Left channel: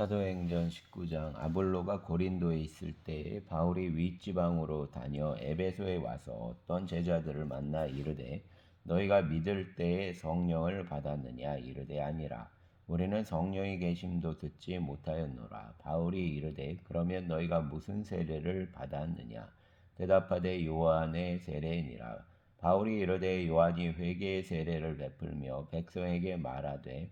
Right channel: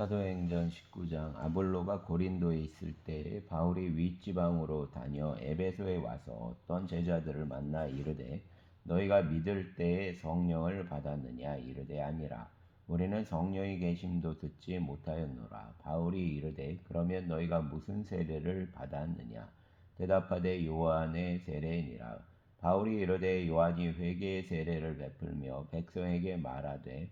사도행전 19장. 아볼로가 고린도에 있을 때 바울이 윗지방으로 다녀 에베소에 와서 어떤 제자들을 만나 이르되 너희가 믿을 때에 성령을 받았느냐? 이르되 아니라. 우리는 성령이 계심도 듣지 못하였노라. 바울이 이르되 그러면 너희가 무슨 세례를 받았느냐? 대답하되 요한의 세례니라. 바울이 이르되 요한이 회개의 세례를 베풀며 백성에게 말하되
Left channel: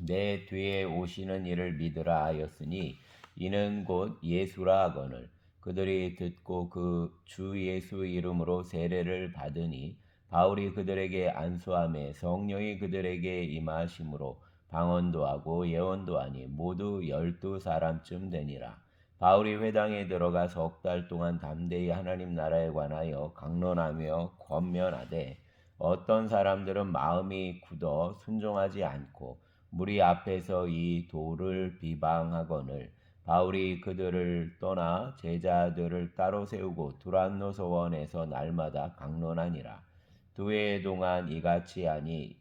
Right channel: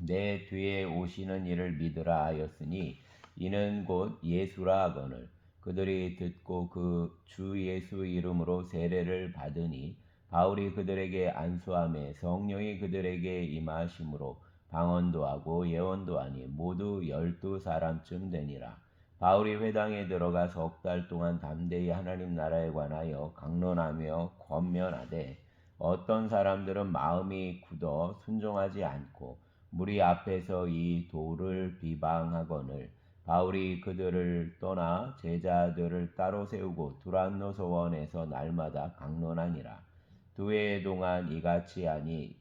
내 뒤에 오시는 이를 믿으라 하였으니 이는 곧 예수라 하거늘. 그들이 듣고 그 주 예수 이름으로 세례를 받으니 바울이 그들에게 안수하매 성령이 그들에게 임하심으로 방언도 하고 예언도 하니 모두 12사람쯤 되니라. 바울이 회당에 들어가 석 달 동안 담대히 하나님 나라에 관하여 강론하며 권면하되 어떤 사람들은 마음이 굳어 순종하지 않고 무리 앞에서 이 도를 비방하거늘. 바울이 그들을 떠나 제자들을 따로 세우고 두란노 소원에서 날마다 강론하니라. 2해 동안 이같이 하니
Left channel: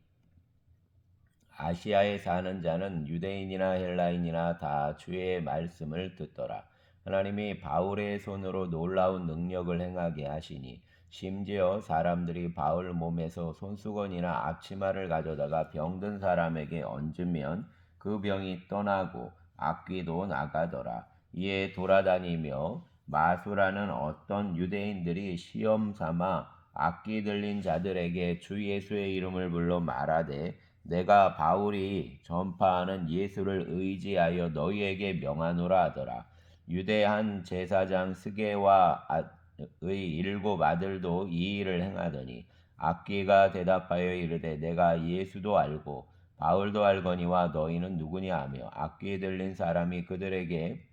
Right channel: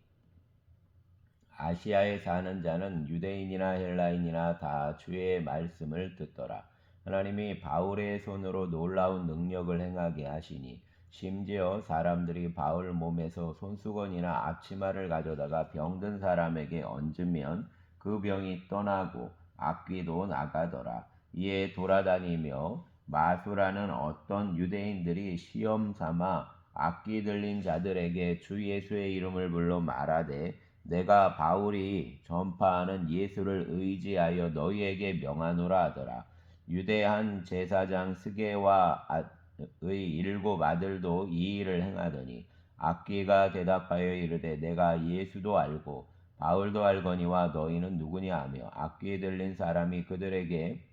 아시아에 사는 자는 유대인이나 헬라인이나 다 주의 말씀을 듣더라. 하나님이 바울의 손으로 놀라운 능력을 행하게 하시니 심지어 사람들이 바울 몸에서 손수건이나 앞치마를 가져다가 병든 사람에게 얹으면 그 병이 떠나고 악귀도 나가더라. 이에 돌아다니며 마수라는 어떤 유대인들이 시험 삼아 악귀 들린 자들에게 주 예수의 이름을 불러 말하되 내가 바울이 전파하는 예수를 의지하여 너희에게 명하노라 하더라. 유대 한 제사장 스게와의 7 아들도 이 일을 행하더니 악귀가 대답하여 이르되 내가 예수도 알고 바울도 알거니와 너희는 누구냐 하며 악귀 들린 사람이 그들에게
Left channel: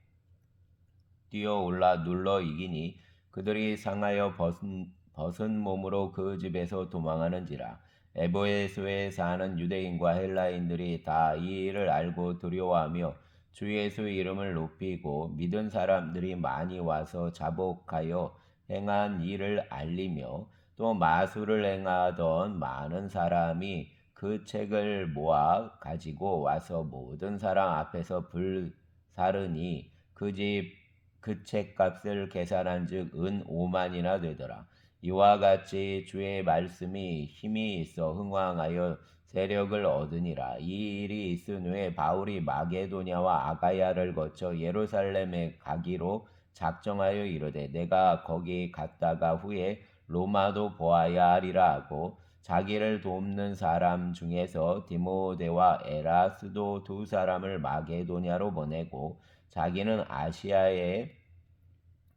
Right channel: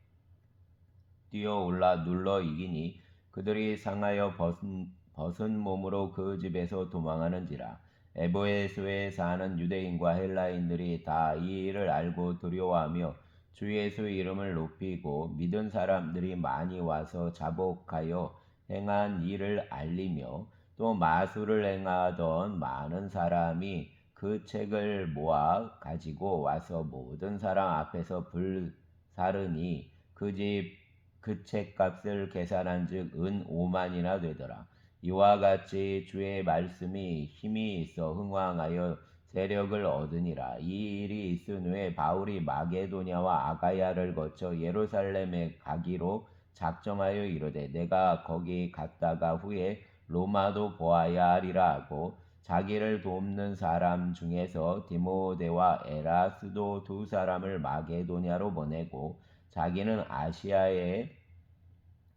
뛰어올라 눌러 이기니 그들이 상하여 벗은 몸으로 그 집에서 도망하는지라. 에베소에 사는 유대인과 헬라인들이 다 이 일을 알고 두려워하며 주 예수 이름을 높이고 믿은 사람들이 많이 와서 자복하여 행한 일을 알리며 또 마술을 행하던 많은 사람이 그 책을 모아 가지고 와서 모든 사람 앞에서 불사르니 그 책값을 계산한즉 은 5만이나 되더라. 이와 같이 주의 말씀이 힘이 있어 흥왕하여 세력을 얻으니라. 이 일이 있은 후에 바울이 마게도냐와 아가야를 거쳐 예루살렘에 가기로 작정하여 이르되 내가 거기 갔다가 후에 로마도 보아야 하리라 하고 자기를 돕는 사람 중에서 디모데와 에라스도 2 사람을 마게도냐로 보내고 자기는 아시아에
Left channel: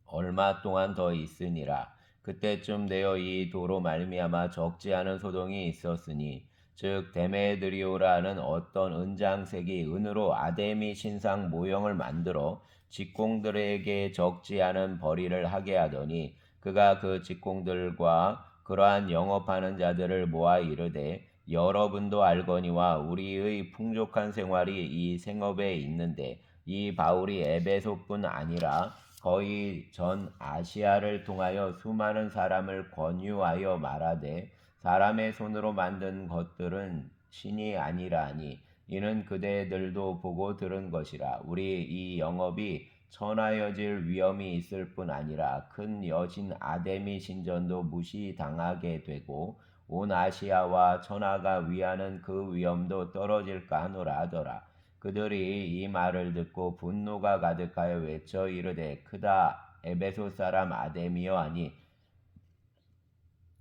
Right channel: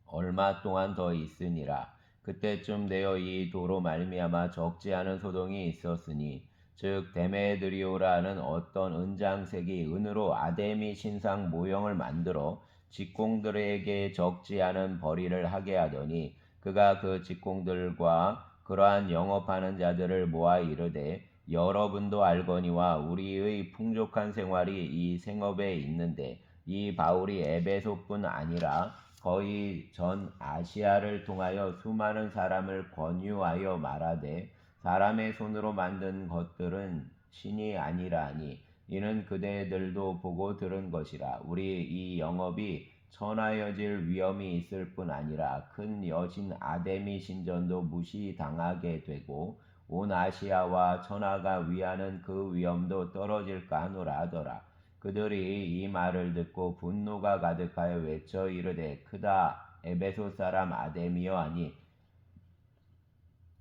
얼마 동안 더 있으니라. 그때쯤 되어 이 도로 말미암아 적지 않은 소동이 있었으니 즉 데메드리오라는 어떤 은장색이 은으로 아데미 신상 모형을 만들어 직공들에게 적지 않은 벌이를 하게 하더니 그가 그 직공들과 그러한 영업하는 자들을 모아 이르되 여러분도 알거니와 우리의 풍족한 생활이 이 생업에 있는데 이 바울이 에베소뿐 아니라 거의 전 아시아를 통하여 수많은 사람을 권유하여 말하되 사람의 손으로 만든 것들은 신이 아니라 하니 이는 그대들도 보고 들은 것이라. 우리 이 영업이 천하여질 위험이 있을 뿐 아니라 큰 여신 아데미 신전도 무시당하게 되고 온 아시아와 천하가 위하는 그 위험도 떨어질까 하노라 하더라. 그들이 이 말을 듣고 분노가 가득하여 외쳐 이르되 크다 에베소 사람 아데미여 하니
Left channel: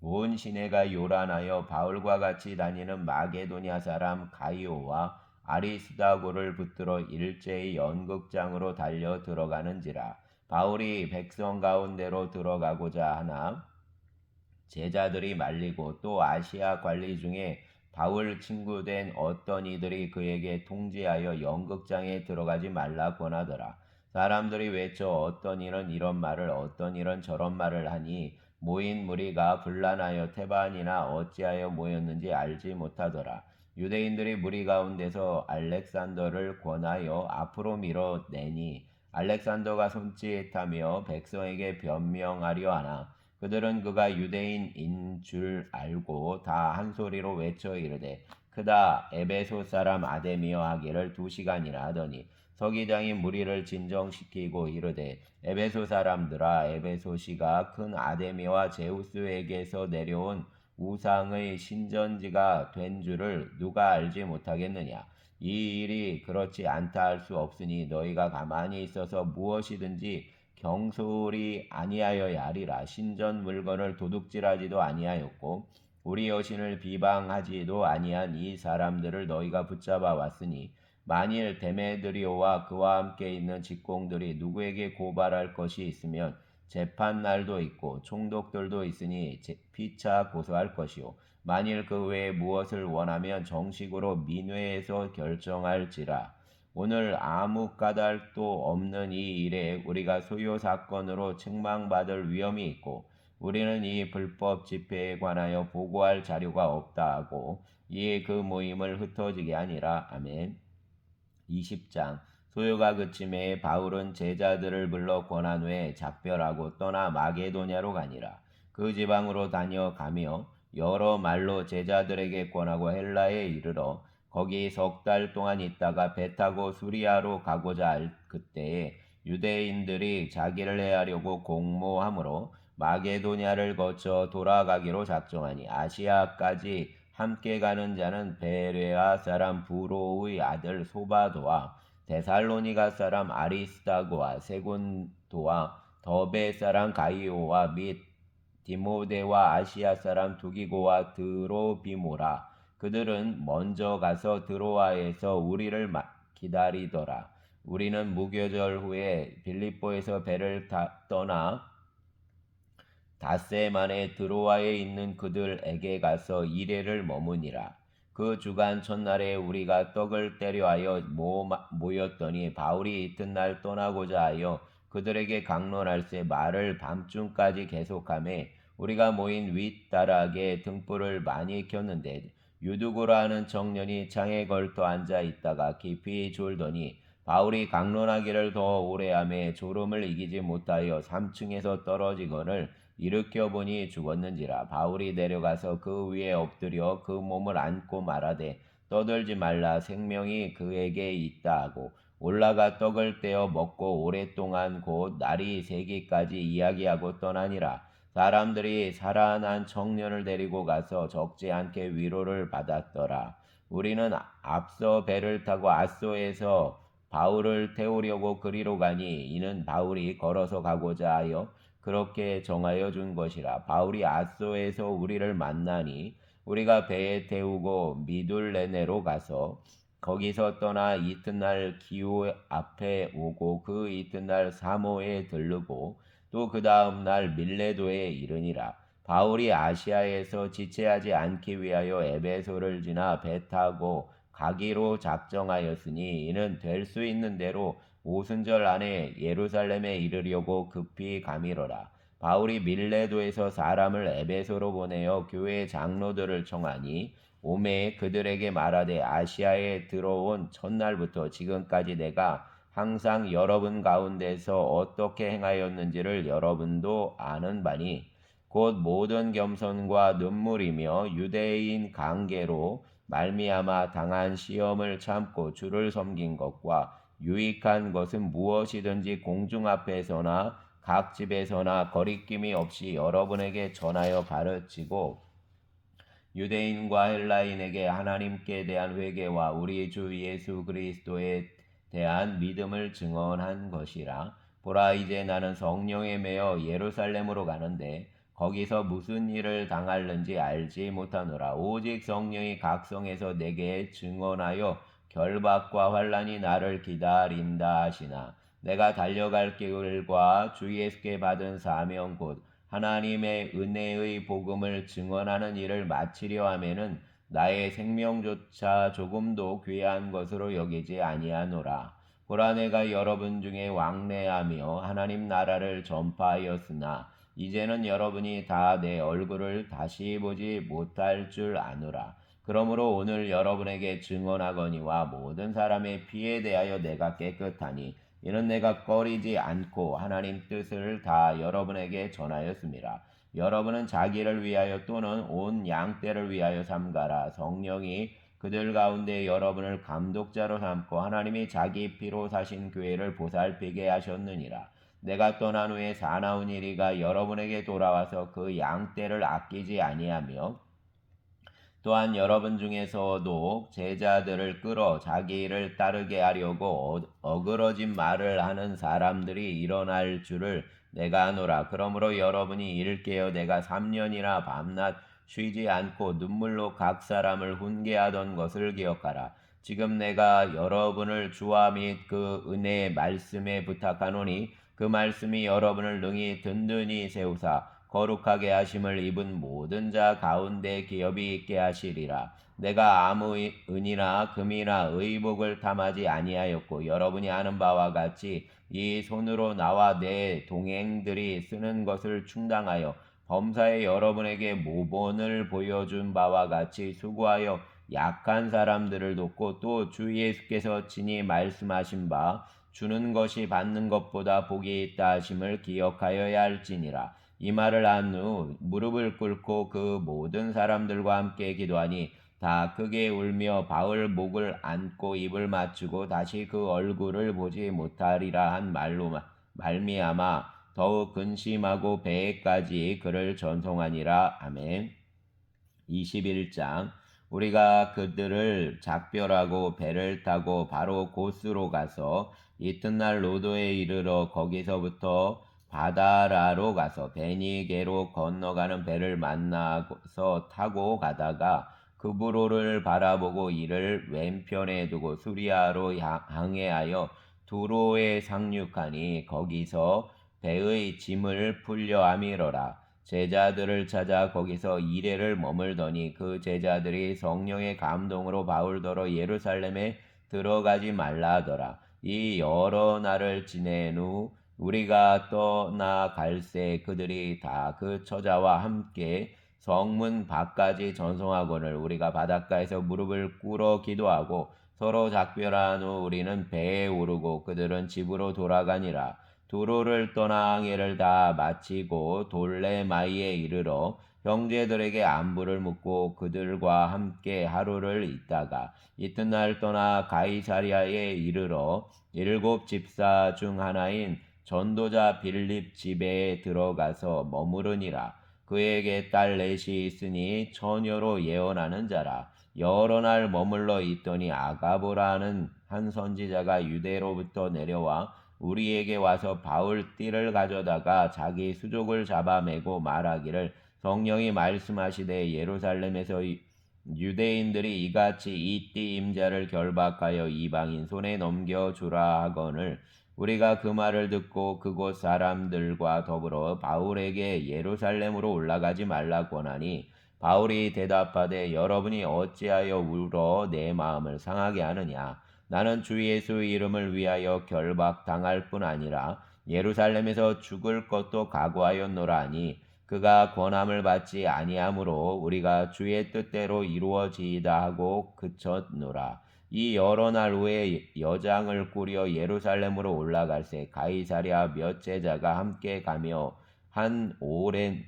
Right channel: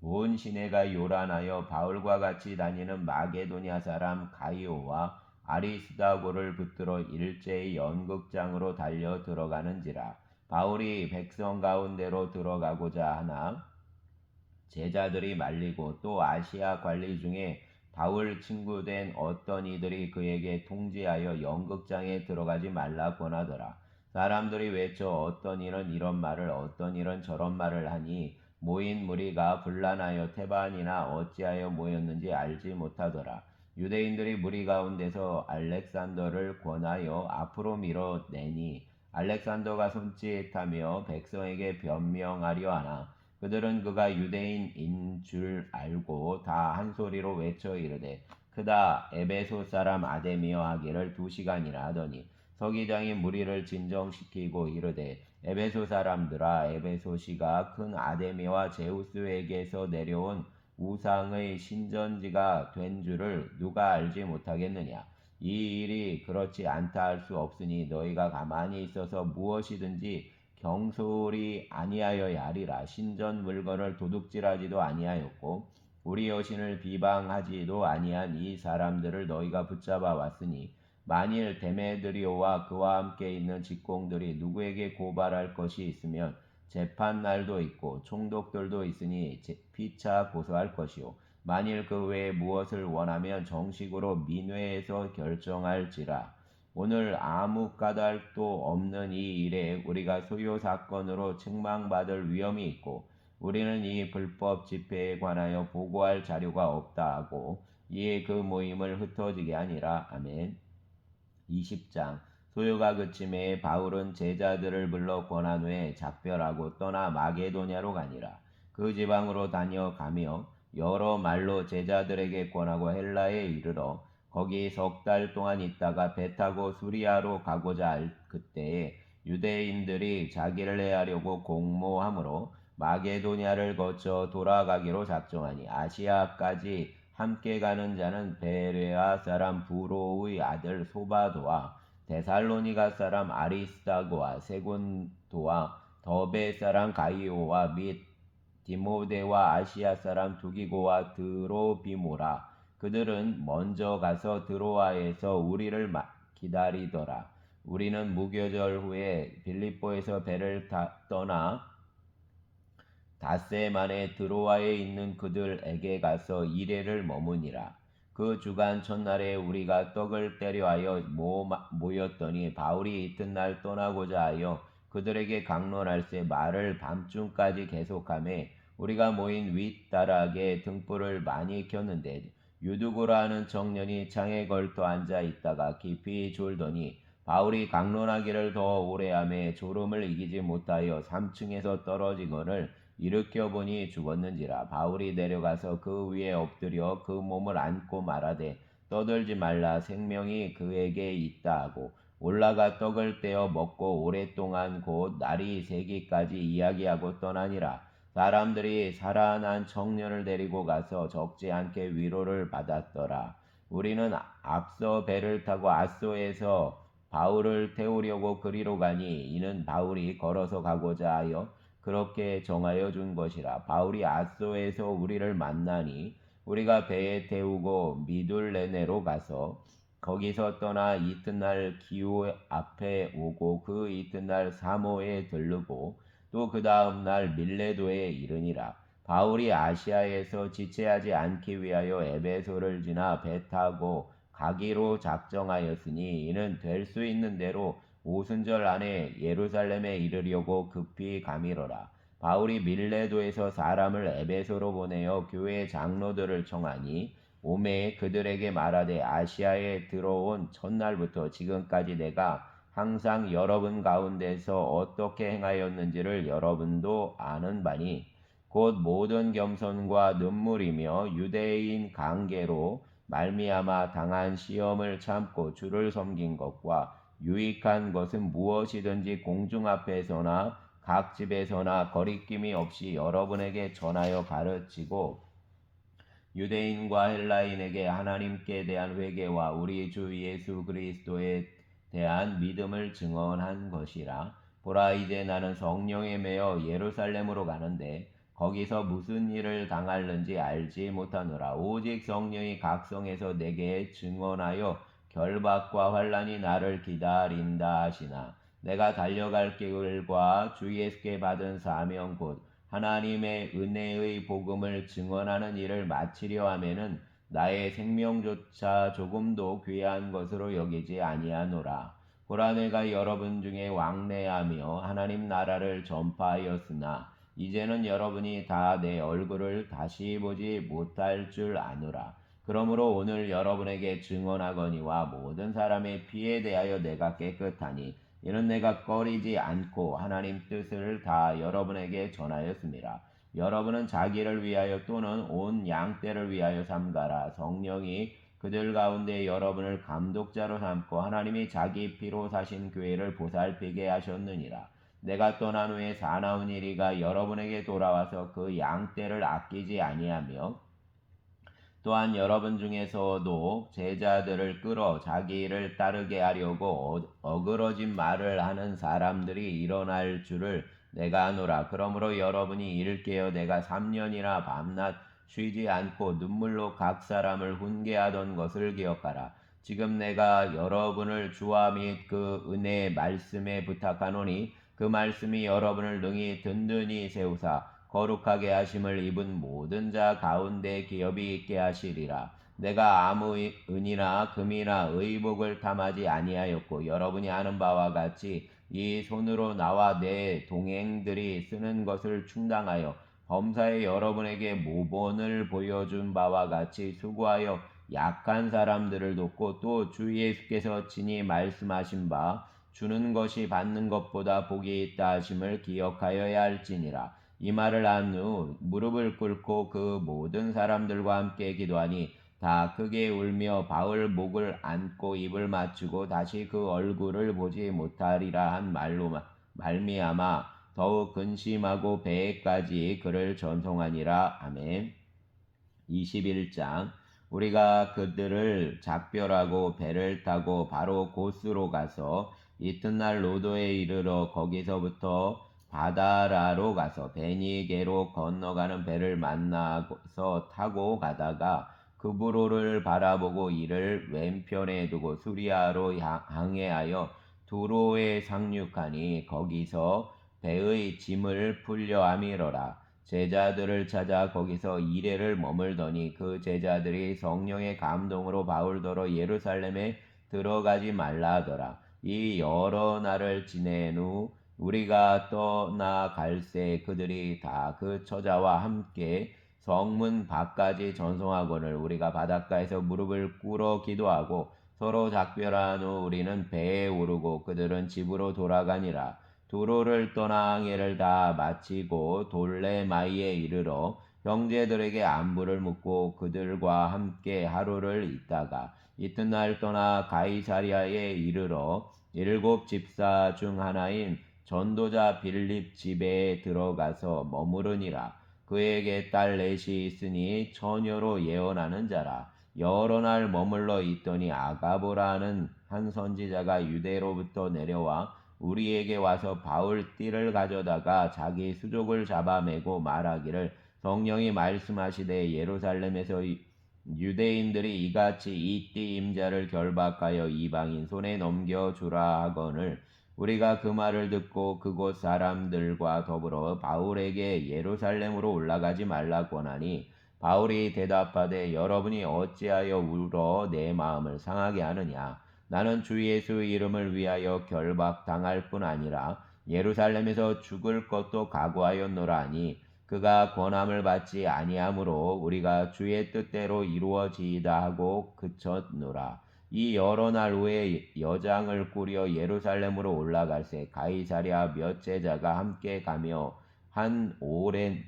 온 시내가 요란하여 바울과 같이 다니는 마게도냐 사람 가이오와 아리스다고를 붙들어 일제히 연극장으로 달려 들어가는지라. 바울이 백성 가운데로 들어가고자 하나 제자들이 말리고 또 아시아 관리 중에 바울 친구된 어떤 이들이 그에게 통지하여 연극장에 들어가지 말라 권하더라. 사람들이 외쳐 어떤 이는 이런 말을 어떤 이는 저런 말을 하니 모인 무리가 분란하여 테반이나 어찌하여 모였는지 알지 못하더라. 유대인들이 무리 가운데서 알렉산더를 권하여 앞으로 밀어내니 알렉산더가 손짓하며 백성에게 변명하려 하나 그들은 그가 유대인인 줄 알고 다 한 소리로 외쳐 이르되 크다. 에베소 사람 아데미어 하기를 2시간이나 하더니 서기장이 무리를 진정시키고 이르되 에베소 사람들아, 에베소시가 큰 아데미와 제우스에게서 내려온 우상의 신전지가 된 줄을 누가 알지 못하겠느냐. 이 일이 그렇지 않다 할 수 없으니 너희가 가만히 있어서 무엇이든지 경솔이 아니하여야 하리라. 신전 물건을 도둑질하지도 아니하였고 우리 여신을 비방하지도 아니한 이 사람들을 너희가 붙잡아 왔으니 만일 데메드리오와 그와 함께 있는 직공들이 누구에게 고발할 것이 있으면 재판 날도 있고 총독들도 있으니 피차 고소할 것이요 만일 그 외에 무엇을 원하면 정식으로 민회에서 결정할지라. 오늘 아무 까닭도 없는 이 일에 우리가 소요 사건으로 책망받을 위험이 있고 우리는 이 불법 집회에 관하여 보고할 자료가 없다 하고 이에 그 모임을 흩어지게 하니라. 아멘. 20장. 소요가 그침에 바울은 제자들을 불러 권한 후에 작별하고 떠나 마게도냐로 가니라. 그 지방으로 다녀가며 여러 말로 제자들에게 권하고 헬라에 이르러 거기 3달 동안 있다가 배 타고 수리아로 가고자 할 그때에 유대인들이 자기를 해하려고 공모하므로 마게도냐를 거쳐 돌아가기로 작정하니 아시아까지 함께 가는 자는 베레아 사람 부로의 아들 소바도와 데살로니가 사람 아리스다고와 세곤도와 더베 사람 가이오와 및 디모데와 아시아 사람 두기고와 드로비모라. 그들은 먼저 가서 드로아에서 우리를 기다리더라. 우리는 무교절 후에 빌립보에서 배를 떠나 닷새 만에 드로아에 있는 그들에게 가서 이레를 머무니라. 그 주간 첫날에 우리가 떡을 때려하여 모였더니 바울이 이튿날 떠나고자 하여 그들에게 강론할새 말을 밤중까지 계속하매 우리가 모인 윗다락에 등불을 많이 켰는데 유두고라 하는 청년이 창에 걸터 앉아 있다가 깊이 졸더니 바울이 강론하기를 더 오래 하매 졸음을 이기지 못하여 3층에서 떨어지거늘 일으켜 보니 죽었는지라. 바울이 내려가서 그 위에 엎드려 그 몸을 안고 말하되 떠들지 말라, 생명이 그에게 있다 하고 올라가 떡을 떼어 먹고 오랫동안 곧 날이 새기까지 이야기하고 떠나니라. 사람들이 살아난 청년을 데리고 가서 적지 않게 위로를 받았더라. 우리는 앞서 배를 타고 아소에서 바울을 태우려고 그리로 가니 이는 바울이 걸어서 가고자 하여 그렇게 정하여 준 것이라. 바울이 아소에서 우리를 만나니 우리가 배에 태우고 미둘레네로 가서 거기서 떠나 이튿날 기호 앞에 오고 그 이튿날 사모에 들르고 또 그 다음 날 밀레도에 이르니라. 바울이 아시아에서 지체하지 않기 위하여 에베소를 지나 배 타고 가기로 작정하였으니 이는 될 수 있는 대로 오순절 안에 예루살렘에 이르려고 급히 가미러라. 바울이 밀레도에서 사람을 에베소로 보내어 교회 장로들을 청하니 오매 그들에게 말하되 아시아에 들어온 첫날부터 지금까지 내가 항상 여러분 가운데서 어떻게 행하였는지를 여러분도 아는 바니 곧 모든 겸손과 눈물이며 유대인 관계로 말미암아 당한 시험을 참고 주를 섬긴 것과 유익한 것은 무엇이든지 공중 앞에서나 각 집에서나 거리낌이 없이 여러분에게 전하여 가르치고 유대인과 헬라인에게 하나님께 대한 회개와 우리 주 예수 그리스도에 대한 믿음을 증언한 것이라. 보라, 이제 나는 성령에 매여 예루살렘으로 가는데 거기서 무슨 일을 당할는지 알지 못하노라. 오직 성령이 각성에서 내게 증언하여 결박과 환난이 나를 기다린다 하시나 내가 달려갈 길과 주 예수께 받은 사명 곧 하나님의 은혜의 복음을 증언하는 일을 마치려 하면은 나의 생명조차 조금도 귀한 것으로 여기지 아니하노라. 보라, 내가 여러분 중에 왕래하며 하나님 나라를 전파하였으나 이제는 여러분이 다 내 얼굴을 다시 보지 못할 줄 아노라. 그러므로 오늘 여러분에게 증언하거니와 모든 사람의 피에 대하여 내가 깨끗하니 이는 내가 꺼리지 않고 하나님 뜻을 다 여러분에게 전하였습니다. 여러분은 자기를 위하여 또는 온 양떼를 위하여 삼가라. 성령이 그들 가운데 여러분을 감독자로 삼고 하나님이 자기 피로 사신 교회를 보살피게 하셨느니라. 내가 떠난 후에 사나운 이리가 여러분에게 돌아와서 그 양떼를 아끼지 아니하며 또한 여러분 중에서도 제자들을 끌어 자기 일을 따르게 하려고 어그러진 말을 하는 사람들이 일어날 줄을 내가 아노라. 그러므로 여러분이 이를 깨어 내가 3년이나 밤낮 쉬지 않고 눈물로 각 사람을 훈계하던 것을 기억하라. 지금 내가 여러분을 주와 및 그 은혜의 말씀에 부탁하노니 그 말씀이 여러분을 능히 든든히 세우사 거룩하게 하심을 입은 모든 자 가운데 기업이 있게 하시리라. 내가 아무 은이나 금이나 의복을 탐하지 아니하였고 여러분이 아는 바와 같이 이 손으로 나와 내 동행들이 쓰는 것을 충당하여 범사에 여러분에게 모본을 보여준 바와 같이 수고하여 약한 사람들을 돕고 또 주 예수께서 친히 말씀하신 바 주는 것이 받는 것보다 복이 있다 하심을 기억하여야 할지니라. 이 말을 한 후 무릎을 꿇고 그 모든 사람들과 함께 기도하니 다 크게 울며 바울 목을 안고 입을 맞추고 다시 그 얼굴을 보지 못하리라 한 말로 말미암아 더욱 근심하고 배에까지 그를 전송하니라. 아멘. 21장 우리가 그들을 작별하고 배를 타고 바로 고스로 가서 이튿날 로도에 이르러 거기서부터 바다라로 가서 베니게로 건너가는 배를 만나서 타고 가다가 그브로를 바라보고 이를 왼편에 두고 수리아로 항해하여 두로에 상륙하니 거기서 배의 짐을 풀려 아미러라. 제자들을 찾아 거기서 이레를 머물더니 그 제자들이 성령의 감동으로 바울더러 예루살렘에 들어가지 말라 하더라. 이 여러 날을 지낸 후 우리가 떠나갈새 그들이 다 그 처자와 함께 성문 밖까지 전송하거늘 우리가 바닷가에서 무릎을 꿇어 기도하고 서로 작별한 후 우리는 배에 오르고 그들은 집으로 돌아가니라. 두로를 떠나 항해를 다 마치고 돌레마이에 이르러 형제들에게 안부를 묻고 그들과 함께 하루를 있다가 이튿날 떠나 가이사리아에 이르러 7 집사 중 하나인 전도자 빌립 집에 들어가서 머무르니라. 그에게 딸 넷이 있으니 처녀로 예언하는 자라. 여러 날 머물러 있더니 아가보라는 한 선지자가 유대로부터 내려와 우리에게 와서 바울 띠를 가져다가 자기 수족을 잡아매고 말하기를 성령이 말씀하시되 예루살렘에서 유대인들이 이같이 이 띠 임자를 결박하여 이방인 손에 넘겨주라 하거늘 우리가 그 말을 듣고 그곳 사람들과 더불어 바울에게 예루살렘으로 올라가지 말라고 하니 바울이 대답하되 여러분이 어찌하여 울어 내 마음을 상하게 하느냐. 나는 주 예수의 이름을 위하여 결박당할 뿐 아니라 예루살렘에서 죽을 것도 각오하였노라 하니 그가 권함을 받지 아니하므로 우리가 주의 뜻대로 이루어지이다 하고 그쳤노라. 이 여러 날 후에 여장을 꾸려 예루살렘으로 올라갈새 가이사랴 몇 제자가 함께 가며 한 오랜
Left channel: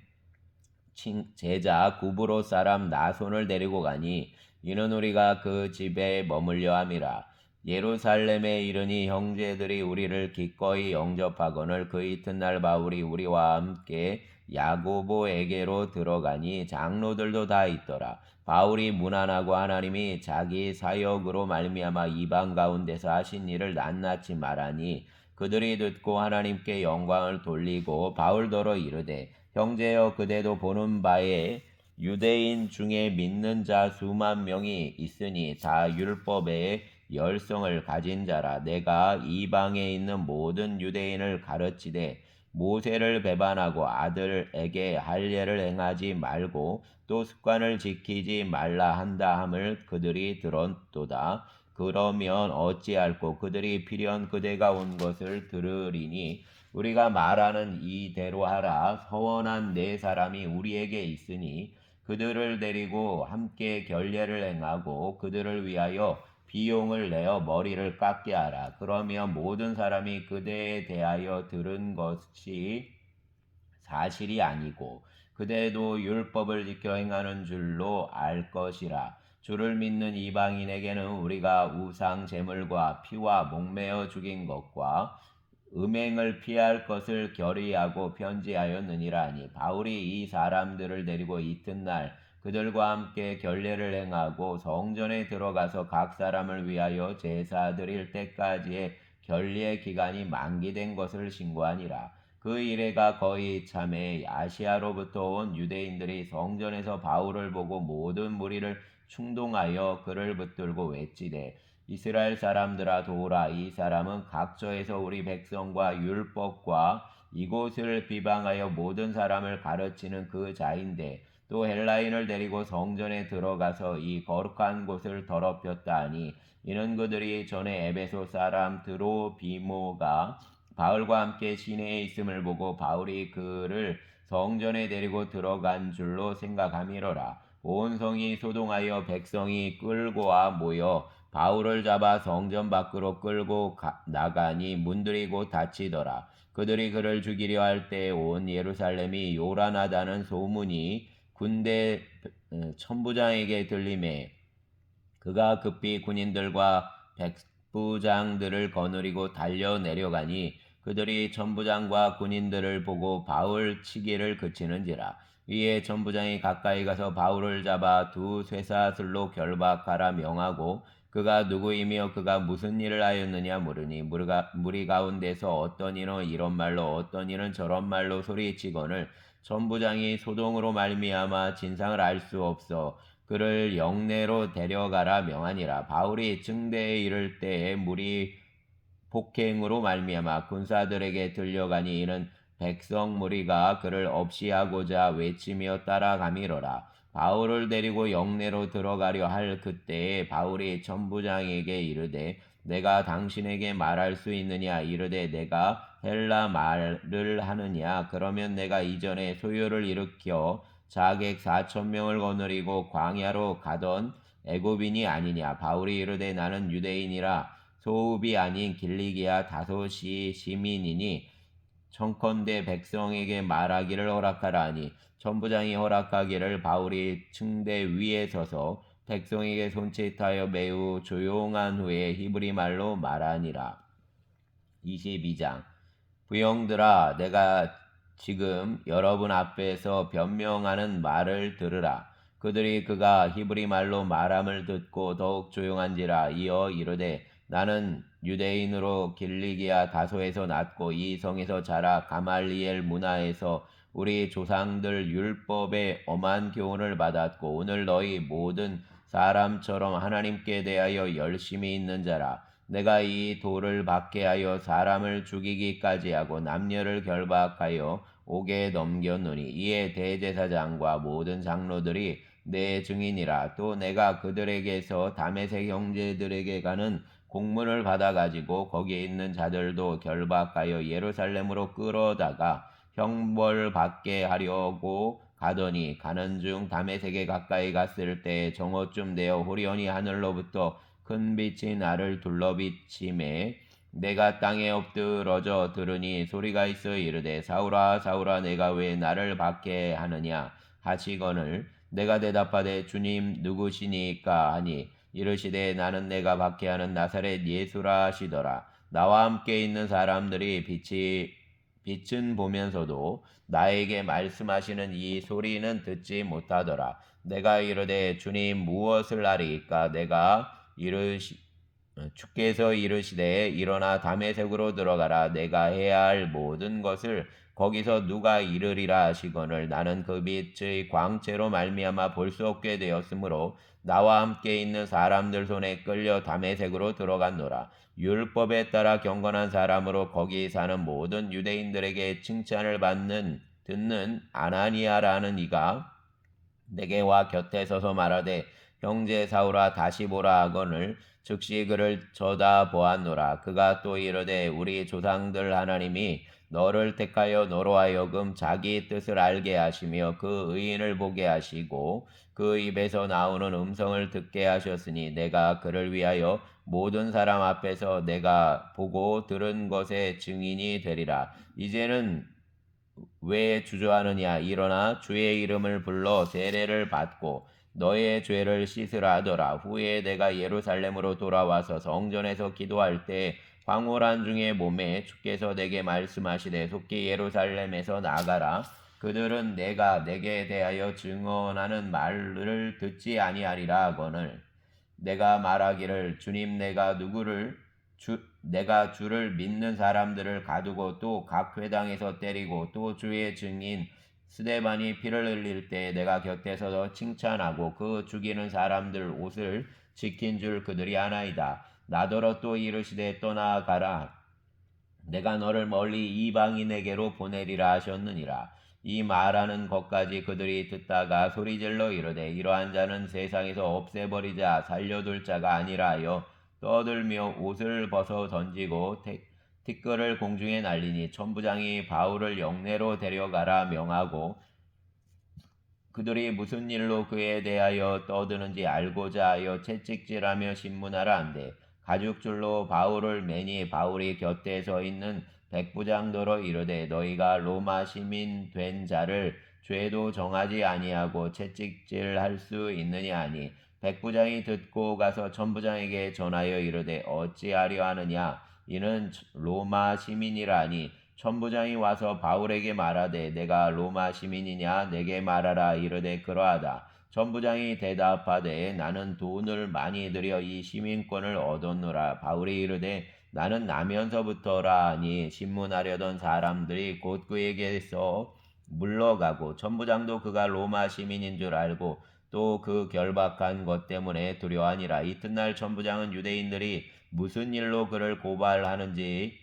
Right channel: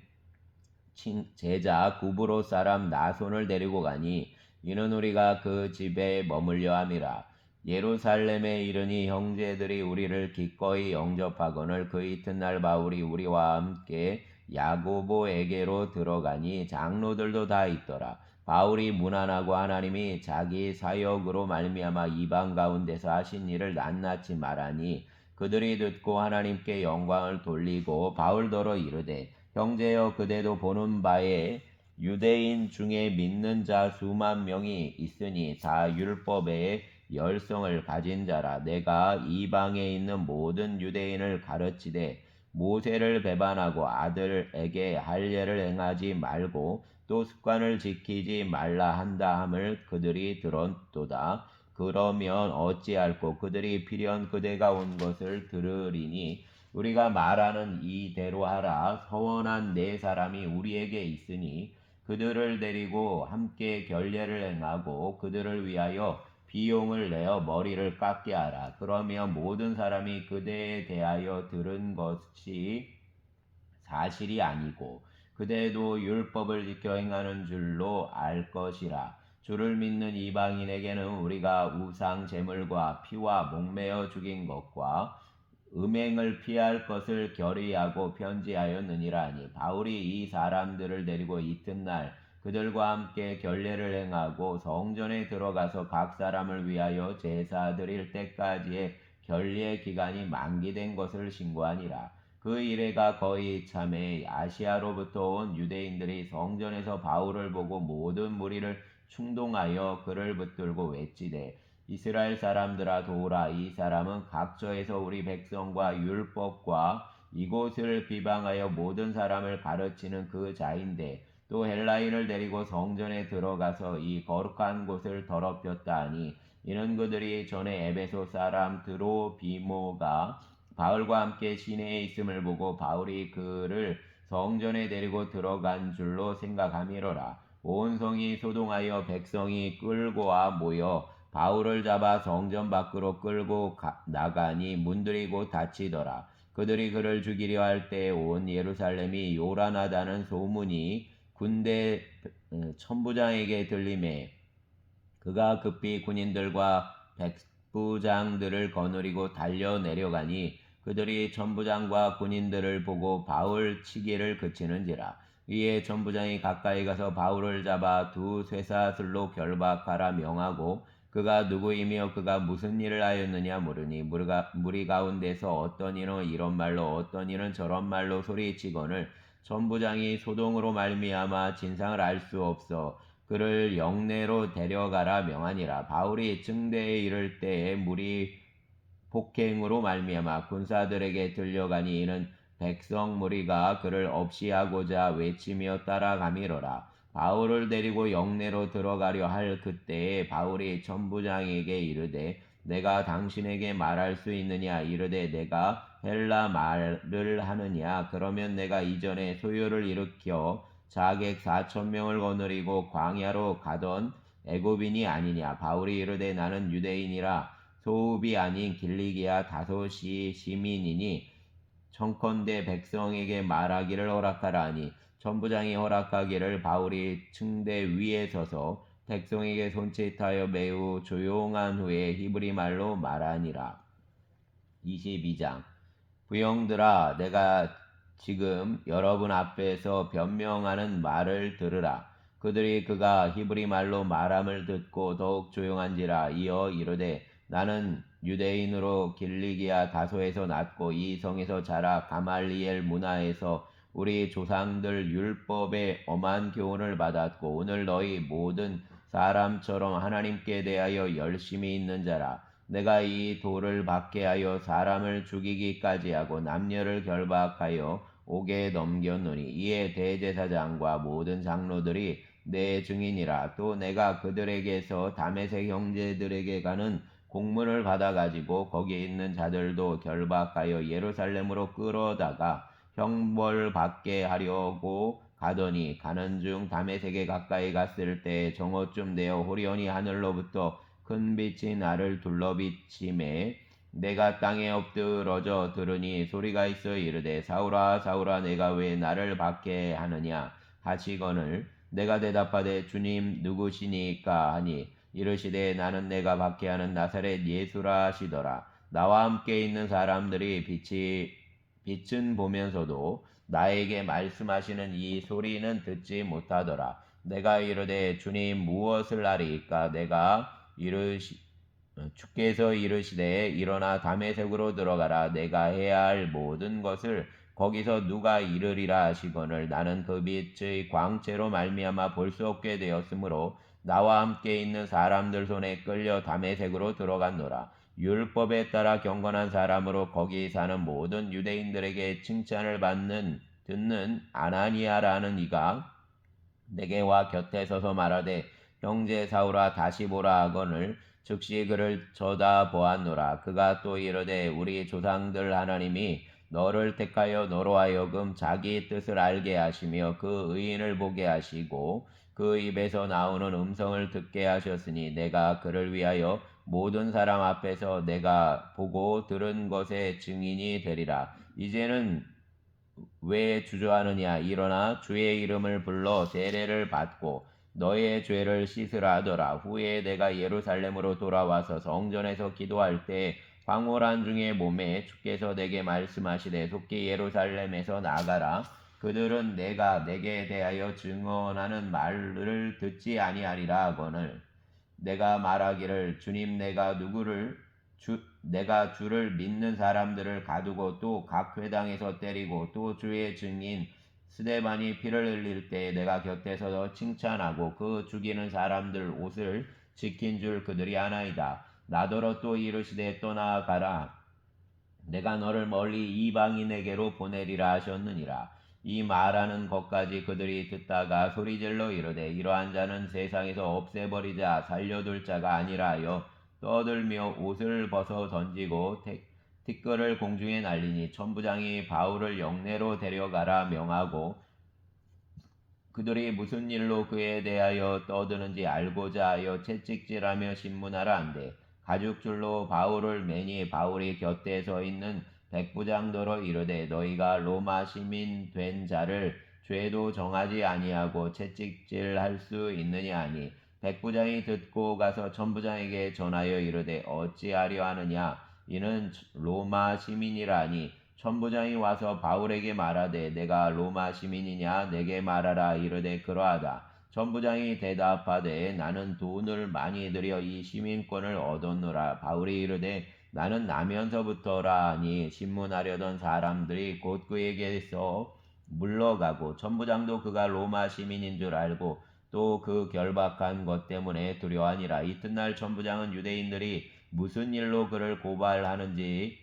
제자 구브로 사람 나손을 데리고 가니 이는 우리가 그 집에 머물려 함이라. 예루살렘에 이르니 형제들이 우리를 기꺼이 영접하거늘 그 이튿날 바울이 우리와 함께 야고보에게로 들어가니 장로들도 다 있더라. 바울이 무난하고 하나님이 자기 사역으로 말미암아 이방 가운데서 하신 일을 낱낱이 말하니 그들이 듣고 하나님께 영광을 돌리고 바울더러 이르되 형제여 그대도 보는 바에 유대인 중에 믿는 자 수만 명이 있으니 다 율법의 열성을 가진 자라. 내가 이방에 있는 모든 유대인을 가르치되 모세를 배반하고 아들에게 할례를 행하지 말고 또 습관을 지키지 말라 한다 함을 그들이 들었도다. 그러면 어찌할꼬 그들이 필연 그대가 온 것을 들으리니 우리가 말하는 이대로 하라. 서원한 네 사람이 우리에게 있으니 그들을 데리고 함께 결례를 행하고 그들을 위하여 비용을 내어 머리를 깎게 하라. 그러면 모든 사람이 그대에 대하여 들은 것이 사실이 아니고 그대도 율법을 지켜 행하는 줄로 알 것이라. 주를 믿는 이방인에게는 우리가 우상 제물과 피와 목매어 죽인 것과 음행을 피할 것을 결의하고 편지하였느니라 하니 바울이 이 사람들을 데리고 이튿날 그들과 함께 결례를 행하고 성전에 들어가서 각 사람을 위하여 제사 드릴 때까지의 결례 기간이 만기된 것을 신고하니라. 그 이래가 거의 참에 아시아로부터 온 유대인들이 성전에서 바울을 보고 모든 무리를 충동하여 그를 붙들고 외치되 이스라엘 사람들아 도우라. 이 사람은 각처에서 우리 백성과 율법과 이곳을 비방하여 모든 사람을 가르치는 그 자인데 또 헬라인을 데리고 성전에 들어가서 이 거룩한 곳을 더럽혔다 하니 이는 그들이 전에 에베소 사람 드로비모가 바울과 함께 시내에 있음을 보고 바울이 그를 성전에 데리고 들어간 줄로 생각함이로라. 온 성이 소동하여 백성이 끌고와 모여 바울을 잡아 성전 밖으로 끌고 나가니 문들이 곧 닫히더라. 그들이 그를 죽이려 할 때 온 예루살렘이 요란하다는 소문이 군대 천부장에게 들림에 그가 급히 군인들과 백부장들을 거느리고 달려 내려가니 그들이 천부장과 군인들을 보고 바울 치기를 그치는지라. 이에 천부장이 가까이 가서 바울을 잡아 두 쇠사슬로 결박하라 명하고 그가 누구이며 그가 무슨 일을 하였느냐 물으니 무리 가운데서 어떤 이는 이런 말로 어떤 이는 저런 말로 소리치거늘 천부장이 소동으로 말미암아 진상을 알 수 없어 그를 영내로 데려가라 명하니라. 바울이 증대에 이를 때에 무리 폭행으로 말미암아 군사들에게 들려가니 이는 백성 무리가 그를 없이하고자 외치며 따라가미러라. 바울을 데리고 영내로 들어가려 할 그때에 바울이 천부장에게 이르되 내가 당신에게 말할 수 있느냐 이르되 내가 헬라 말을 하느냐 그러면 내가 이전에 소요를 일으켜 자객 4,000명을 거느리고 광야로 가던 애굽인이 아니냐. 바울이 이르되 나는 유대인이라 소읍이 아닌 길리기아 다소시 시민이니 청컨대 백성에게 말하기를 허락하라 하니 천부장이 허락하기를 바울이 층대 위에 서서 백성에게 손짓하여 매우 조용한 후에 히브리 말로 말하니라. 22장 부형들아 내가 지금 여러분 앞에서 변명하는 말을 들으라. 그들이 그가 히브리 말로 말함을 듣고 더욱 조용한지라. 이어 이르되 나는 유대인으로 길리기아 다소에서 났고 이 성에서 자라 가말리엘 문화에서 우리 조상들 율법의 엄한 교훈을 받았고 오늘 너희 모든 사람처럼 하나님께 대하여 열심히 있는 자라. 내가 이 돌을 받게 하여 사람을 죽이기까지 하고 남녀를 결박하여 옥에 넘겼노니 이에 대제사장과 모든 장로들이 내 증인이라. 또 내가 그들에게서 다메섹 형제들에게 가는 공문을 받아가지고 거기에 있는 자들도 결박하여 예루살렘으로 끌어다가 형벌받게 하려고 가더니 가는 중 다메섹에 가까이 갔을 때 정오쯤 되어 호련히 하늘로부터 큰 빛이 나를 둘러비침에 내가 땅에 엎드러져 들으니 소리가 있어 이르되 사울아 사울아 내가 왜 나를 받게 하느냐 하시거늘 내가 대답하되 주님 누구시니까 하니 이르시되 나는 내가 받게 하는 나사렛 예수라 하시더라. 나와 함께 있는 사람들이 빛은 보면서도 나에게 말씀하시는 이 소리는 듣지 못하더라. 내가 이르되 주님 무엇을 하리이까 내가 주께서 이르시되 일어나 다메섹으로 들어가라. 내가 해야 할 모든 것을 거기서 누가 이르리라 하시거늘 나는 그 빛의 광채로 말미암아 볼 수 없게 되었으므로 나와 함께 있는 사람들 손에 끌려 다메섹으로 들어갔노라. 율법에 따라 경건한 사람으로 거기 사는 모든 유대인들에게 칭찬을 듣는 아나니아라는 이가 내게 와 곁에 서서 말하되 형제 사울아 다시 보라 하거늘 즉시 그를 쳐다보았노라. 그가 또 이르되 우리 조상들 하나님이 너를 택하여 너로 하여금 자기 뜻을 알게 하시며 그 의인을 보게 하시고 그 입에서 나오는 음성을 듣게 하셨으니 내가 그를 위하여 모든 사람 앞에서 내가 보고 들은 것의 증인이 되리라. 이제는 왜 주저하느냐 일어나 주의 이름을 불러 세례를 받고 너의 죄를 씻으라 하더라. 후에 내가 예루살렘으로 돌아와서 성전에서 기도할 때 황홀한 중에 몸에 주께서 내게 말씀하시되 속히 예루살렘에서 나가라. 그들은 내가 내게 대하여 증언하는 말을 듣지 아니하리라 하거늘 내가 말하기를 주님 내가 주를 믿는 사람들을 가두고 또 각 회당에서 때리고 또 주의 증인 스데반이 피를 흘릴 때 내가 곁에서 칭찬하고 그 죽이는 사람들 옷을 지킨 줄 그들이 아나이다. 나더러 또 이르시되 떠나가라. 내가 너를 멀리 이방인에게로 보내리라 하셨느니라. 이 말하는 것까지 그들이 듣다가 소리질러 이르되 이러한 자는 세상에서 없애버리자 살려둘 자가 아니라 하여 떠들며 옷을 벗어 던지고 티끌을 공중에 날리니 천부장이 바울을 영내로 데려가라 명하고 그들이 무슨 일로 그에 대하여 떠드는지 알고자 하여 채찍질하며 신문하라 한데 가죽줄로 바울을 매니 바울이 곁에 서 있는 백부장더러 이르되 너희가 로마 시민 된 자를 죄도 정하지 아니하고 채찍질할 수 있느냐 하니 백부장이 듣고 가서 천부장에게 전하여 이르되 어찌하려 하느냐 이는 로마 시민이라 하니 천부장이 와서 바울에게 말하되 내가 로마 시민이냐 내게 말하라 이르되 그러하다. 천부장이 대답하되 나는 돈을 많이 들여 이 시민권을 얻었노라. 바울이 이르되 나는 나면서부터라 하니 신문하려던 사람들이 곧 그에게서 물러가고 천부장도 그가 로마 시민인 줄 알고 또 그 결박한 것 때문에 두려워하니라. 이튿날 천부장은 유대인들이 무슨 일로 그를 고발하는지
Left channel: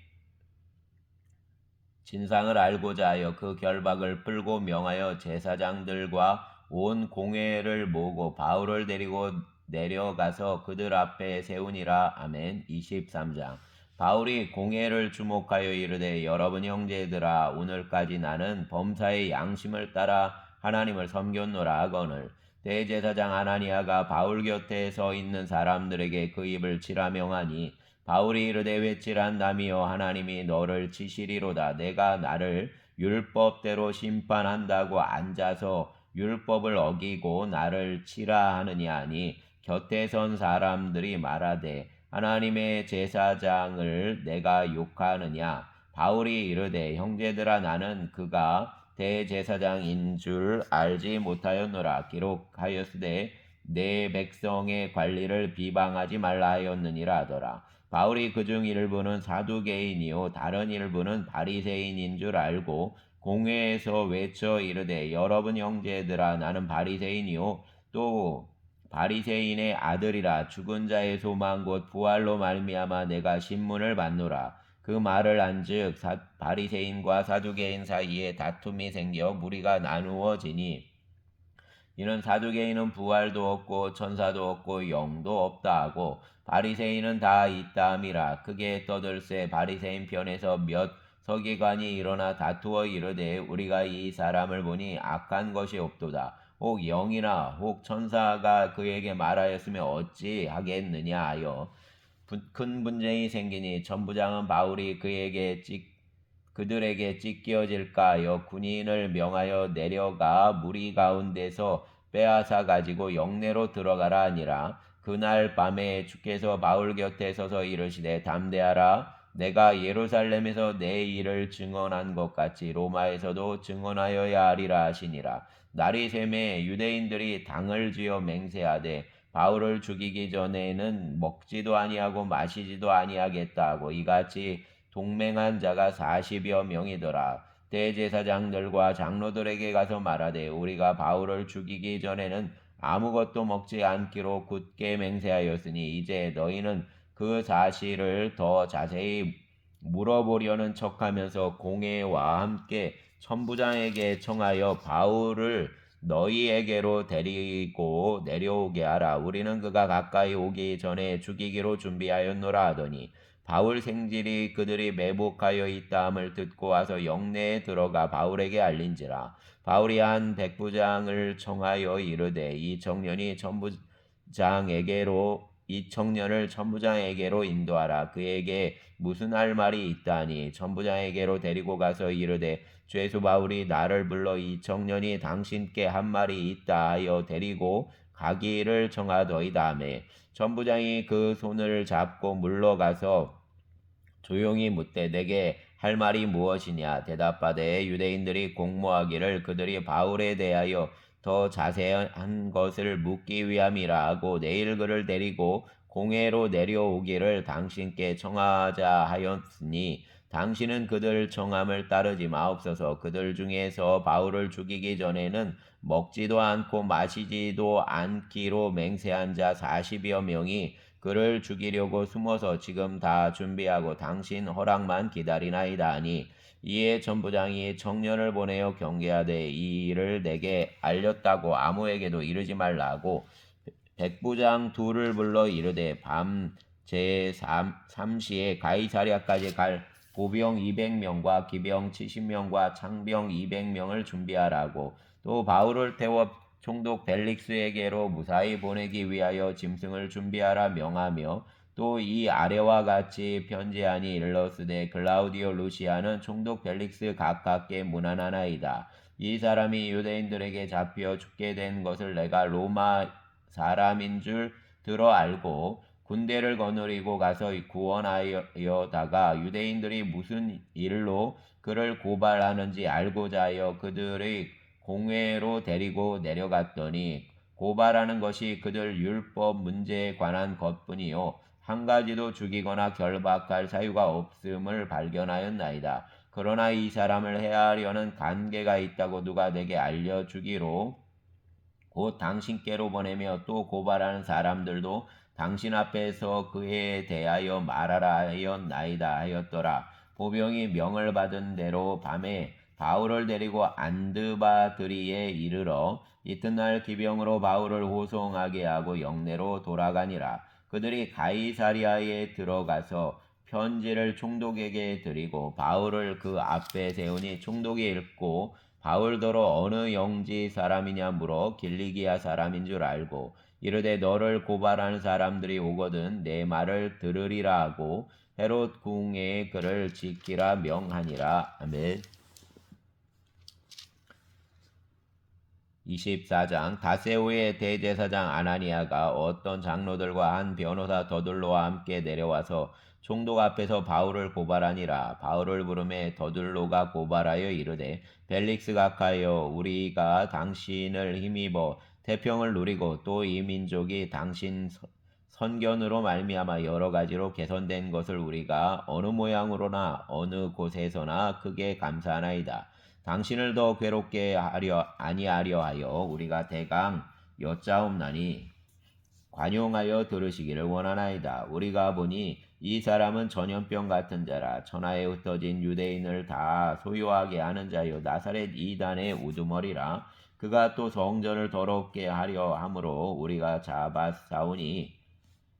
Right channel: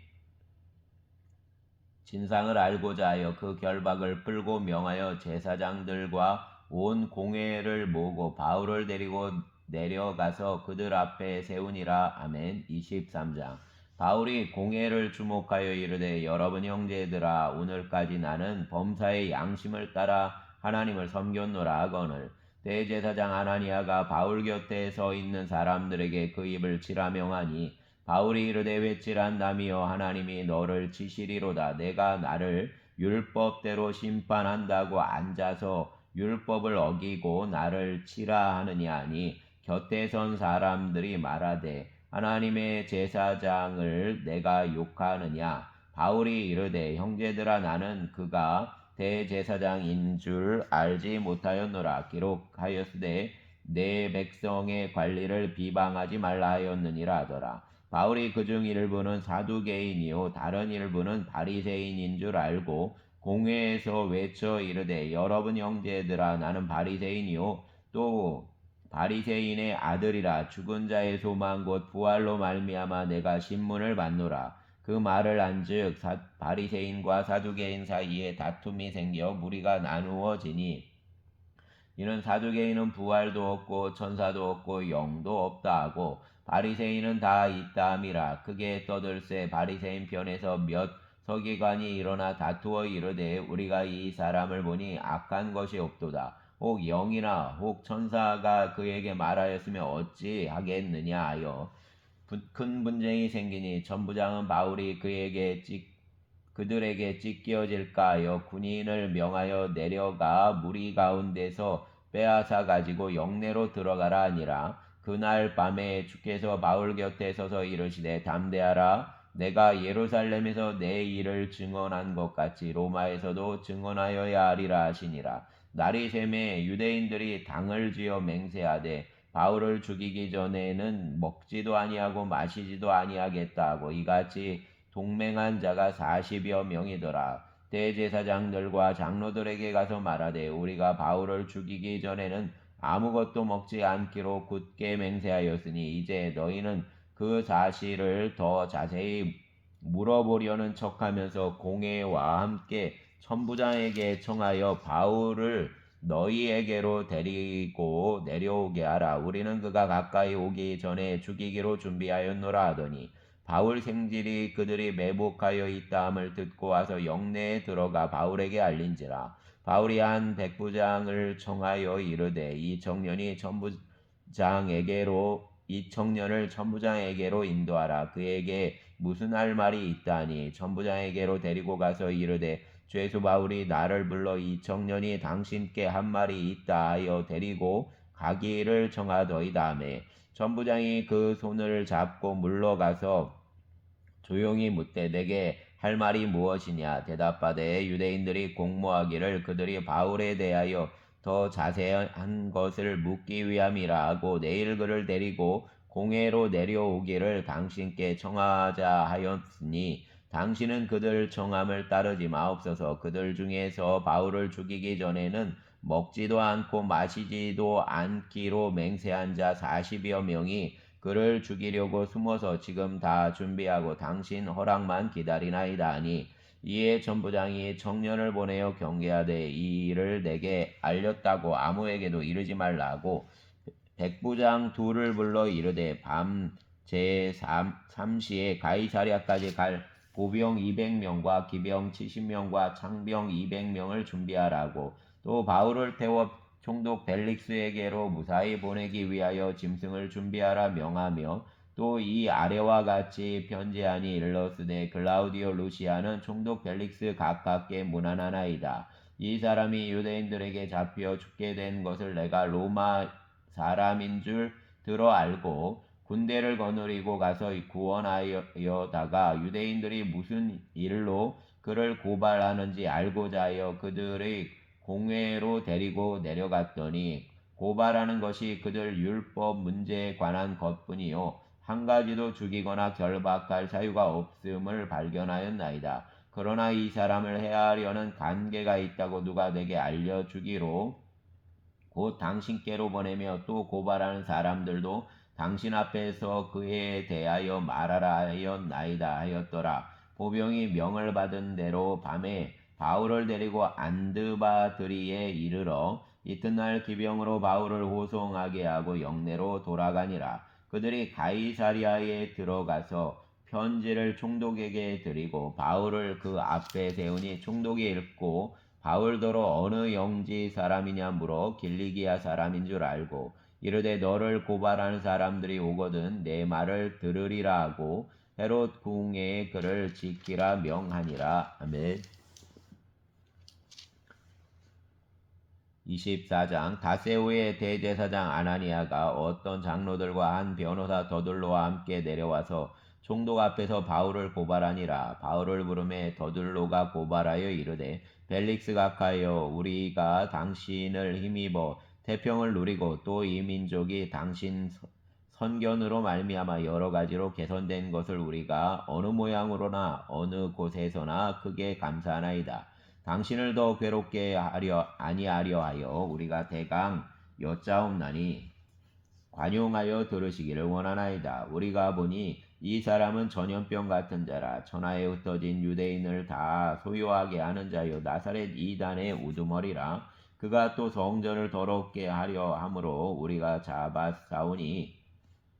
진상을 알고자 하여 그 결박을 풀고 명하여 제사장들과 온 공회를 모으고 바울을 데리고 내려가서 그들 앞에 세우니라. 아멘. 23장. 바울이 공회를 주목하여 이르되 여러분 형제들아 오늘까지 나는 범사의 양심을 따라 하나님을 섬겼노라 하거늘 대제사장 하나니아가 바울 곁에 서 있는 사람들에게 그 입을 치라 명하니 바울이 이르되 외칠한 남이여 하나님이 너를 치시리로다. 내가 나를 율법대로 심판한다고 앉아서 율법을 어기고 나를 치라 하느냐 하니 곁에 선 사람들이 말하되 하나님의 제사장을 내가 욕하느냐. 바울이 이르되 형제들아 나는 그가 대제사장인 줄 알지 못하였노라. 기록하였으되 내 백성의 관리를 비방하지 말라 하였느니라 하더라. 바울이 그중 일부는 사두개인이요 다른 일부는 바리새인인 줄 알고 공회에서 외쳐 이르되 여러분 형제들아 나는 바리새인이요 또 바리새인의 아들이라 죽은 자의 소망 곧 부활로 말미암아 내가 신문을 받노라. 그 말을 한즉 바리새인과 사두개인 사이에 다툼이 생겨 무리가 나누어지니 이는 사두개인은 부활도 없고 천사도 없고 영도 없다 하고 바리새인은 다 있다 함이라. 크게 떠들새 바리새인 편에서 몇 서기관이 일어나 다투어 이르되 우리가 이 사람을 보니 악한 것이 없도다. 혹 영이나 혹 천사가 그에게 말하였으면 어찌 하겠느냐 하여 큰 분쟁이 생기니 천부장은 바울이 그들에게 찢겨질까 하여 군인을 명하여 내려가 무리 가운데서 빼앗아 가지고 영내로 들어가라 하니라. 그날 밤에 주께서 바울 곁에 서서 이르시되 담대하라. 내가 예루살렘에서 내 일을 증언한 것 같이 로마에서도 증언하여야 하리라 하시니라. 날이 새매 유대인들이 당을 지어 맹세하되 바울을 죽이기 전에는 먹지도 아니하고 마시지도 아니하겠다 하고 이같이 동맹한 자가 40여 명이더라. 대제사장들과 장로들에게 가서 말하되 우리가 바울을 죽이기 전에는 아무것도 먹지 않기로 굳게 맹세하였으니 이제 너희는 그 사실을 더 자세히 물어보려는 척하면서 공회와 함께 천부장에게 청하여 바울을 너희에게로 데리고 내려오게 하라. 우리는 그가 가까이 오기 전에 죽이기로 준비하였노라 하더니 바울 생질이 그들이 매복하여 있다함을 듣고 와서 영내에 들어가 바울에게 알린지라. 바울이 한 백부장을 청하여 이르되 이 청년을 천부장에게로 인도하라. 그에게 무슨 할 말이 있다니 천부장에게로 데리고 가서 이르되 죄수 바울이 나를 불러 이 청년이 당신께 한 말이 있다 하여 데리고 가기를 청하더이다 하매 천부장이 그 손을 잡고 물러가서 조용히 묻되 내게 할 말이 무엇이냐 대답하되 유대인들이 공모하기를 그들이 바울에 대하여 더 자세한 것을 묻기 위함이라 하고 내일 그를 데리고 공회로 내려오기를 당신께 청하자 하였으니 당신은 그들 청함을 따르지 마옵소서. 그들 중에서 바울을 죽이기 전에는 먹지도 않고 마시지도 않기로 맹세한 자 40여 명이 그를 죽이려고 숨어서 지금 다 준비하고 당신 허락만 기다리나이다 하니 이에 전부장이 청년을 보내어 경계하되 이 일을 내게 알렸다고 아무에게도 이르지 말라 하고 백부장 둘을 불러 이르되 밤 제3시에 가이사랴까지 갈 보병 200명과 기병 70명과 창병 200명을 준비하라고 또 바울을 태워 총독 벨릭스에게로 무사히 보내기 위하여 짐승을 준비하라 명하며 또 이 아래와 같이 편지하니 일러스되 글라우디오 루시아는 총독 벨릭스 가깝게 문안하나이다. 이 사람이 유대인들에게 잡혀 죽게 된 것을 내가 로마 사람인 줄 들어 알고 군대를 거느리고 가서 구원하여다가 유대인들이 무슨 일로 그를 고발하는지 알고자 하여 그들의 공회로 데리고 내려갔더니 고발하는 것이 그들 율법 문제에 관한 것뿐이요 한 가지도 죽이거나 결박할 사유가 없음을 발견하였나이다. 그러나 이 사람을 해하려는 관계가 있다고 누가 내게 알려주기로 곧 당신께로 보내며 또 고발하는 사람들도 당신 앞에서 그에 대하여 말하라 하였나이다 하였더라. 보병이 명을 받은 대로 밤에 바울을 데리고 안드바드리에 이르러 이튿날 기병으로 바울을 호송하게 하고 영내로 돌아가니라. 그들이 가이사랴에 들어가서 편지를 총독에게 드리고 바울을 그 앞에 세우니 총독이 읽고 바울더러 어느 영지 사람이냐 물어 길리기아 사람인 줄 알고 이르되 너를 고발하는 사람들이 오거든 내 말을 들으리라 하고 헤롯 궁에 그를 지키라 명하니라. 아멘. 24장 다세오의 대제사장 아나니아가 어떤 장로들과 한 변호사 더둘로와 함께 내려와서 총독 앞에서 바울을 고발하니라. 바울을 부르매 더둘로가 고발하여 이르되 벨릭스 각하여 우리가 당신을 힘입어 태평을 누리고 또 이 민족이 당신 선견으로 말미암아 여러 가지로 개선된 것을 우리가 어느 모양으로나 어느 곳에서나 크게 감사하나이다. 당신을 더 괴롭게 하려 아니하려 하여 우리가 대강 여짜옵나니 관용하여 들으시기를 원하나이다. 우리가 보니 이 사람은 전염병 같은 자라 천하에 흩어진 유대인을 다 소유하게 하는 자요 나사렛 이단의 우두머리라. 그가 또 성전을 더럽게 하려 함으로 우리가 잡아싸우니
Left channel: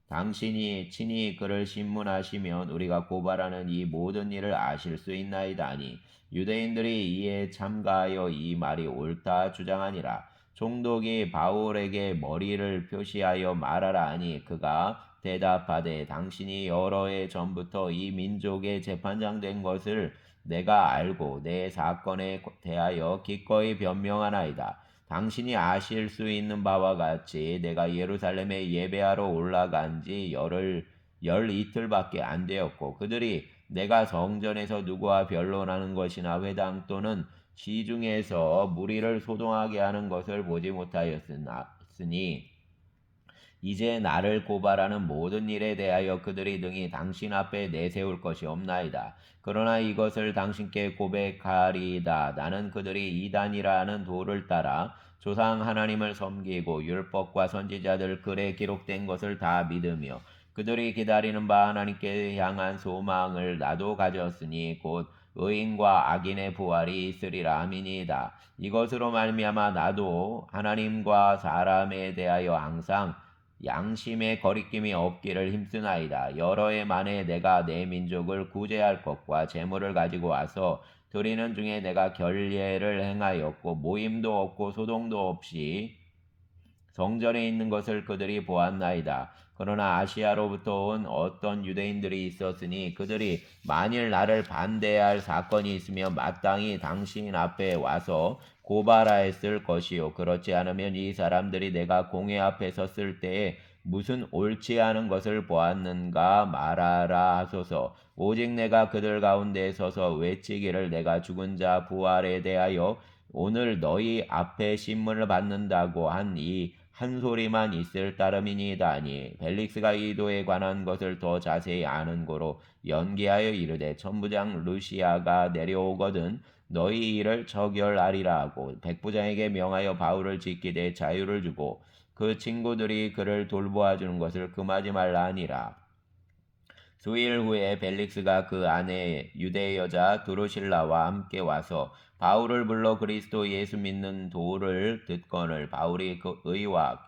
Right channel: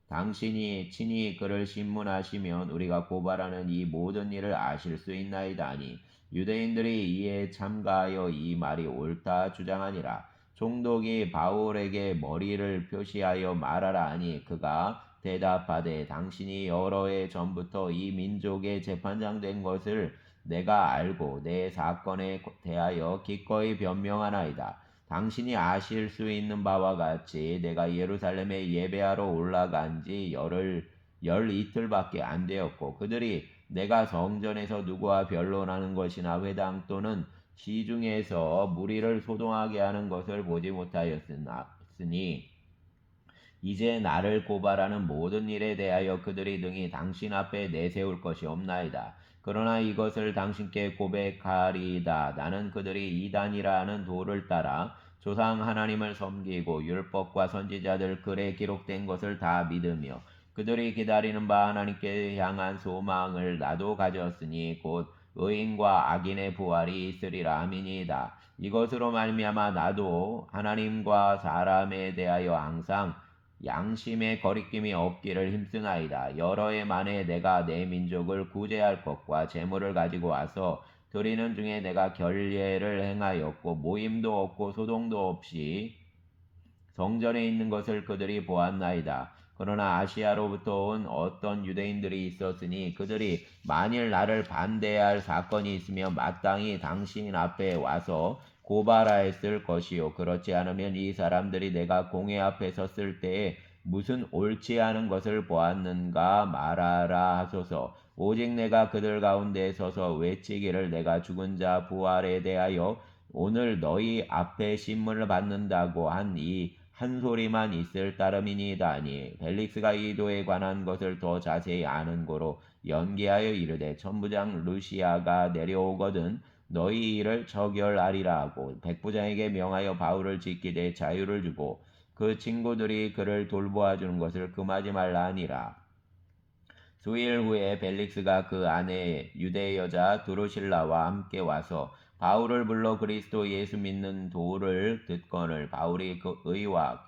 당신이 친히 그를 신문하시면 우리가 고발하는 이 모든 일을 아실 수 있나이다 하니 유대인들이 이에 참가하여 이 말이 옳다 주장하니라. 총독이 바울에게 머리를 표시하여 말하라 하니 그가 대답하되 당신이 여러 해 전부터 이 민족의 재판장 된 것을 내가 알고 내 사건에 대하여 기꺼이 변명하나이다. 당신이 아실 수 있는 바와 같이 내가 예루살렘에 예배하러 올라간 지 열 이틀밖에 안 되었고 그들이 내가 성전에서 누구와 변론하는 것이나 회당 또는 시중에서 무리를 소동하게 하는 것을 보지 못하였으니 이제 나를 고발하는 모든 일에 대하여 그들이 등이 당신 앞에 내세울 것이 없나이다. 그러나 이것을 당신께 고백하리이다. 나는 그들이 이단이라 하는 도를 따라 조상 하나님을 섬기고 율법과 선지자들 글에 기록된 것을 다 믿으며 그들이 기다리는 바 하나님께 향한 소망을 나도 가졌으니 곧 의인과 악인의 부활이 있으리라. 아멘이다. 이것으로 말미암아 나도 하나님과 사람에 대하여 항상 양심의 거리낌이 없기를 힘쓰나이다. 여러 해 만에 내가 내 민족을 구제할 것과 재물을 가지고 와서 드리는 중에 내가 결례를 행하였고 모임도 없고 소동도 없이 성전에 있는 것을 그들이 보았나이다. 그러나 아시아로부터 온 어떤 유대인들이 있었으니 그들이 만일 나를 반대할 사건이 있으면 마땅히 당신 앞에 와서 고발하였을 것이요 그렇지 않으면 이 사람들이 내가 공회 앞에 섰을 때에 무슨 옳지 않은 것을 보았는가 말하라 하소서. 오직 내가 그들 가운데 서서 외치기를 내가 죽은 자 부활에 대하여 오늘 너희 앞에 신문을 받는다고 한 이 한 소리만 있을 따름이니이다 하니 벨릭스가 이도에 관한 것을 더 자세히 아는 고로 연기하여 이르되 천부장 루시아가 내려오거든 너희 일을 처결하리라 하고 백부장에게 명하여 바울을 지키되 자유를 주고 그 친구들이 그를 돌보아 주는 것을 금하지 말라 하니라. 수일 후에 벨릭스가 그 아내 유대 여자 드루실라와 함께 와서 바울을 불러 그리스도 예수 믿는 도를 듣거늘 바울이 그 의와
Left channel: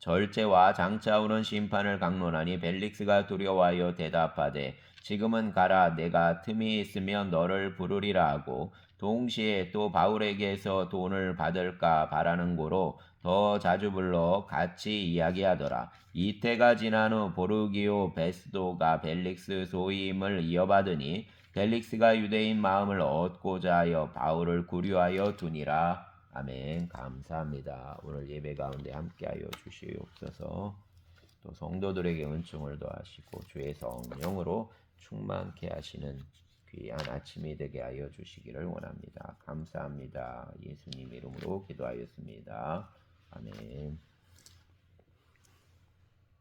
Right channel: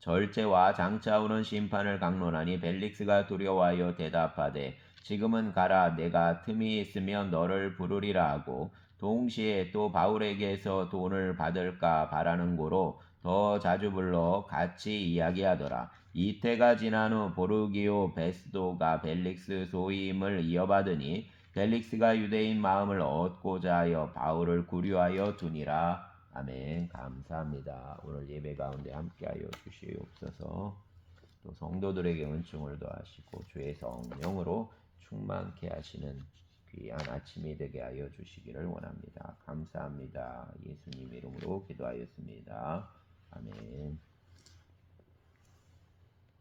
절제와 장차 오는 심판을 강론하니 벨릭스가 두려워하여 대답하되 지금은 가라 내가 틈이 있으면 너를 부르리라 하고 동시에 또 바울에게서 돈을 받을까 바라는 고로 더 자주 불러 같이 이야기하더라. 이때가 지난 후 보르기오 베스도가 벨릭스 소임을 이어받으니 벨릭스가 유대인 마음을 얻고자 하여 바울을 구류하여 두니라. 아멘. 감사합니다. 오늘 예배 가운데 함께하여 주시옵소서. 또 성도들에게 은총을 더하시고 주의 성령으로 충만케 하시는 귀한 아침이 되게 하여 주시기를 원합니다. 감사합니다. 예수님 이름으로 기도하였습니다. 아멘.